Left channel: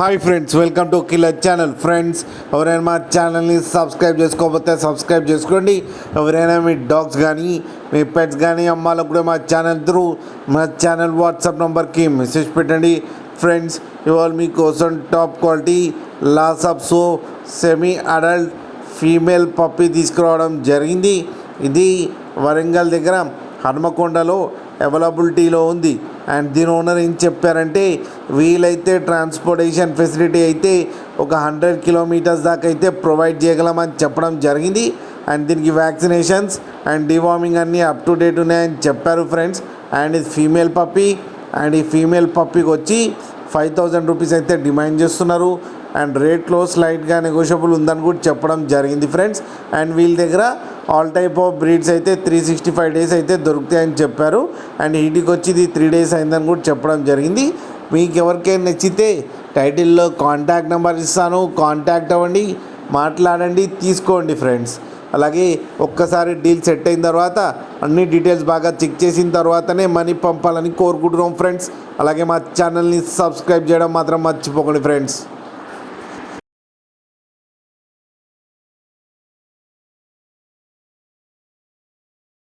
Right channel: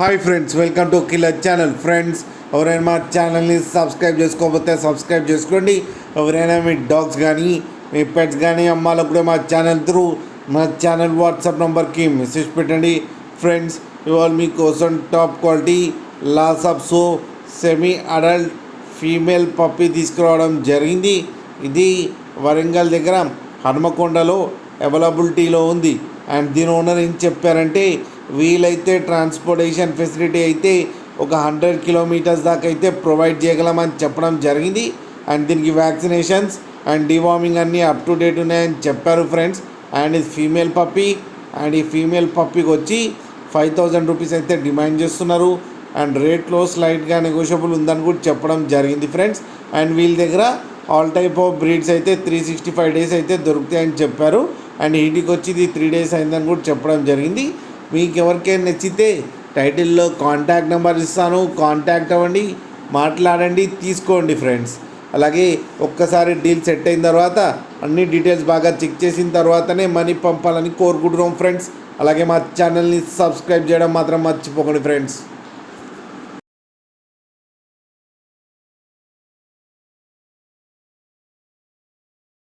Hi friends, welcome to killer channel. Friends, ఎవరైనా మా ఛానల్ని సబ్స్క్రైబ్ చేసుకోకపోతే సబ్స్క్రైబ్ చేసుకోండి. ఎవరైనా మీ డాగ్స్ కానీ మీ పెట్స్ కానీ అమ్మాలకు కూడా మా ఛానల్ త్రూ మా ఛానల్ వాట్సాప్ నెంబర్కి మెసేజ్ పెట్టండి. ఫ్రెండ్స్, ఇవాళ మీకోసం top quality Lhasa Apso semi adult female puppy తీసుకురావడం జరిగింది. ఇది వరంగల్ దగ్గర హనుమకొండలో అవైలబిలిటీలో ఉంది. అండ్ దీని ఓనర్ ఏం చెప్పారంటే, వీలైతే ట్రాన్స్పోర్టేషన్ ఫెసిలిటీ అయితే ఒక 100 కిలోమీటర్స్ దాకా అయితే ప్రొవైడ్ చేయగలమని చెప్పడం జరిగింది. అండ్ దీనికి వ్యాక్సినేషన్స్ అండ్ డివార్మింగ్ అన్నీ అప్ టు డేట్ ఉన్నాయని చెప్పారు ఫ్రెండ్స్. అండ్ ఇది ఫీమేల్ పప్పీ. అండ్ ఈ ఫీమేల్ పప్పీకి వచ్చి 5,000 రూపీస్ అయితే డిమాండ్ చేస్తున్నారు. అండ్ రేట్లో స్లైట్గా నెగోషియబుల్ ఉందని కూడా చెప్పడం జరిగింది ఫ్రెండ్స్. అండ్ వీళ్ళ దగ్గర ఆల్ టైప్ ఆఫ్ బ్రీడ్స్ అయితే 365 డేస్ అయితే దొరుకుతాయని చెప్పారు. అండ్ ఇంటికి వచ్చి ఇది 3 డేస్ అయిందని కూడా చెప్పడం జరిగింది. మీకు ఎవరికైనా నచ్చితే టైటిల్లో కాంటాక్ట్ నెంబర్ ఇస్తాను, కాంటాక్ట్ అవ్వండి, మాట్లాడండి, తీసుకోండి ఫ్రెండ్స్. అలాగే ఒక్కసారి డీల్ సెట్ అయిన తర్వాత అన్ని డీటెయిల్స్ బాగా చెక్ చేసిన తర్వాతనే మనీ పంపాలని కోరుకుంటున్నాం ఫ్రెండ్స్. అలాగే మా ఛానల్ని సబ్స్క్రైబ్ చేయడం మాత్రం మర్చిపోకండి ఫ్రెండ్స్.